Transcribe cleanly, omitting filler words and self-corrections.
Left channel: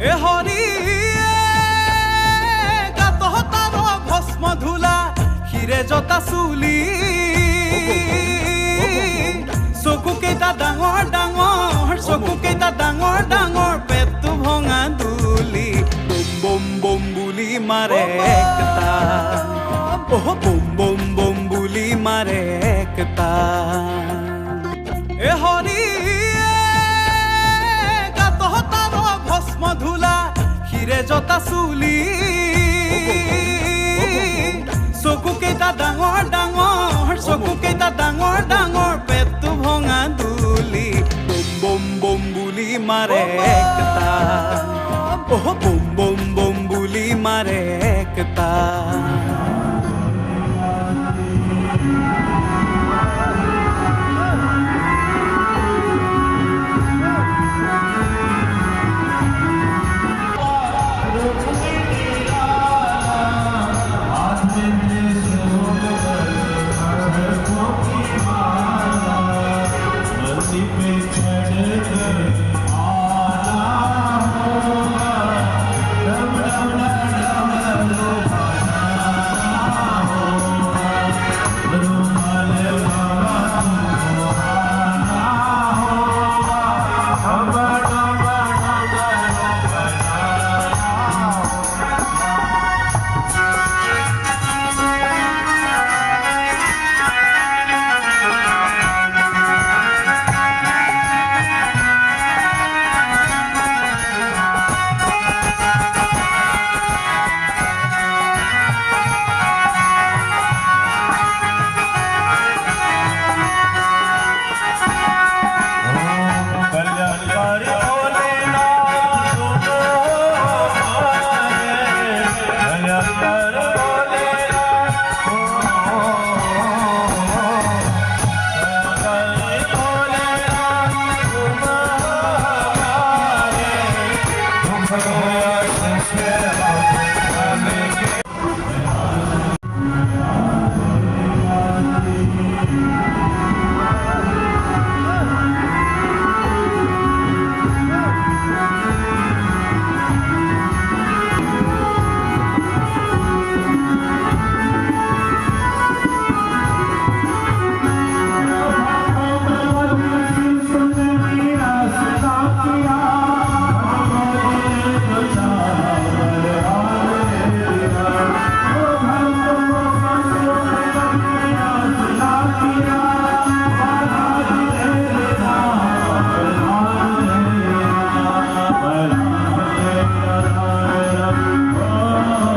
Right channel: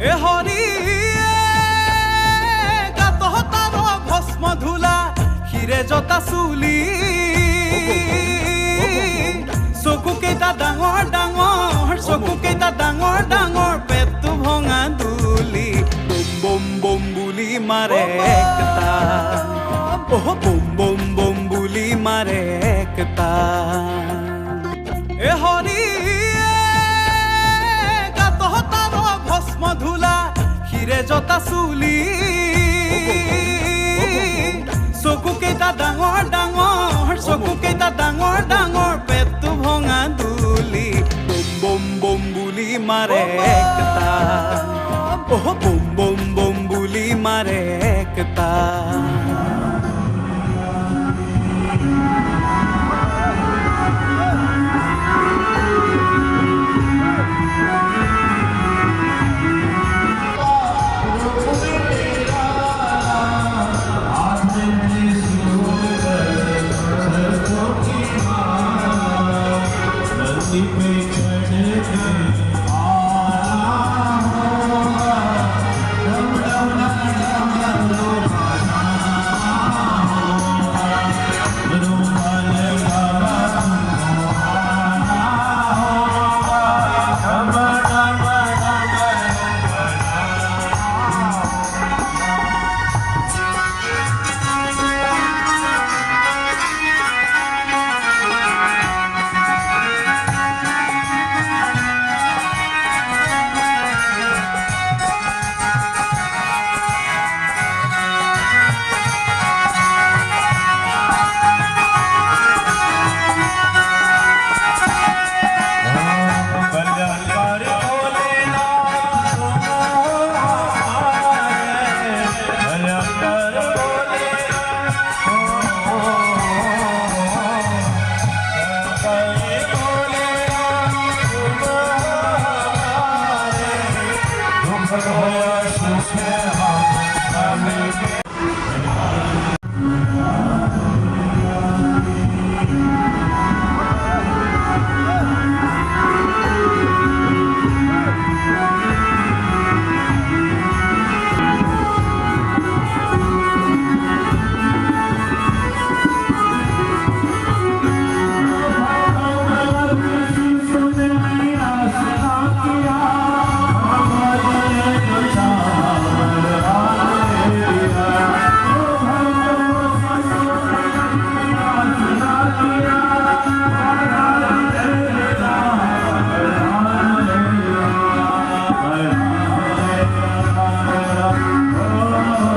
এ হরি গাতহ তার ভস্ম ধূলা শিৰে জতা চুলি চকু কেইটা ডাঙৰ ডাঙৰ চকু কেইটা ডাঙৰ ডাঙৰ পেটটো ভঙা দুলি বম বম বম বুলি মাৰে একটা বম বম বম বুলি মাৰে একটা এ হৰি গাতহ তার ভস্ম ধূলা শিৰে জতা চুলি চকু কেইটা ডাঙৰ ডাঙৰ চকু কেইটা ডাঙৰ ডাঙৰ পেটটো ভঙা দুলি বম বম বম বুলি মাৰে একটা বম বম বম বুলি মাৰে একটা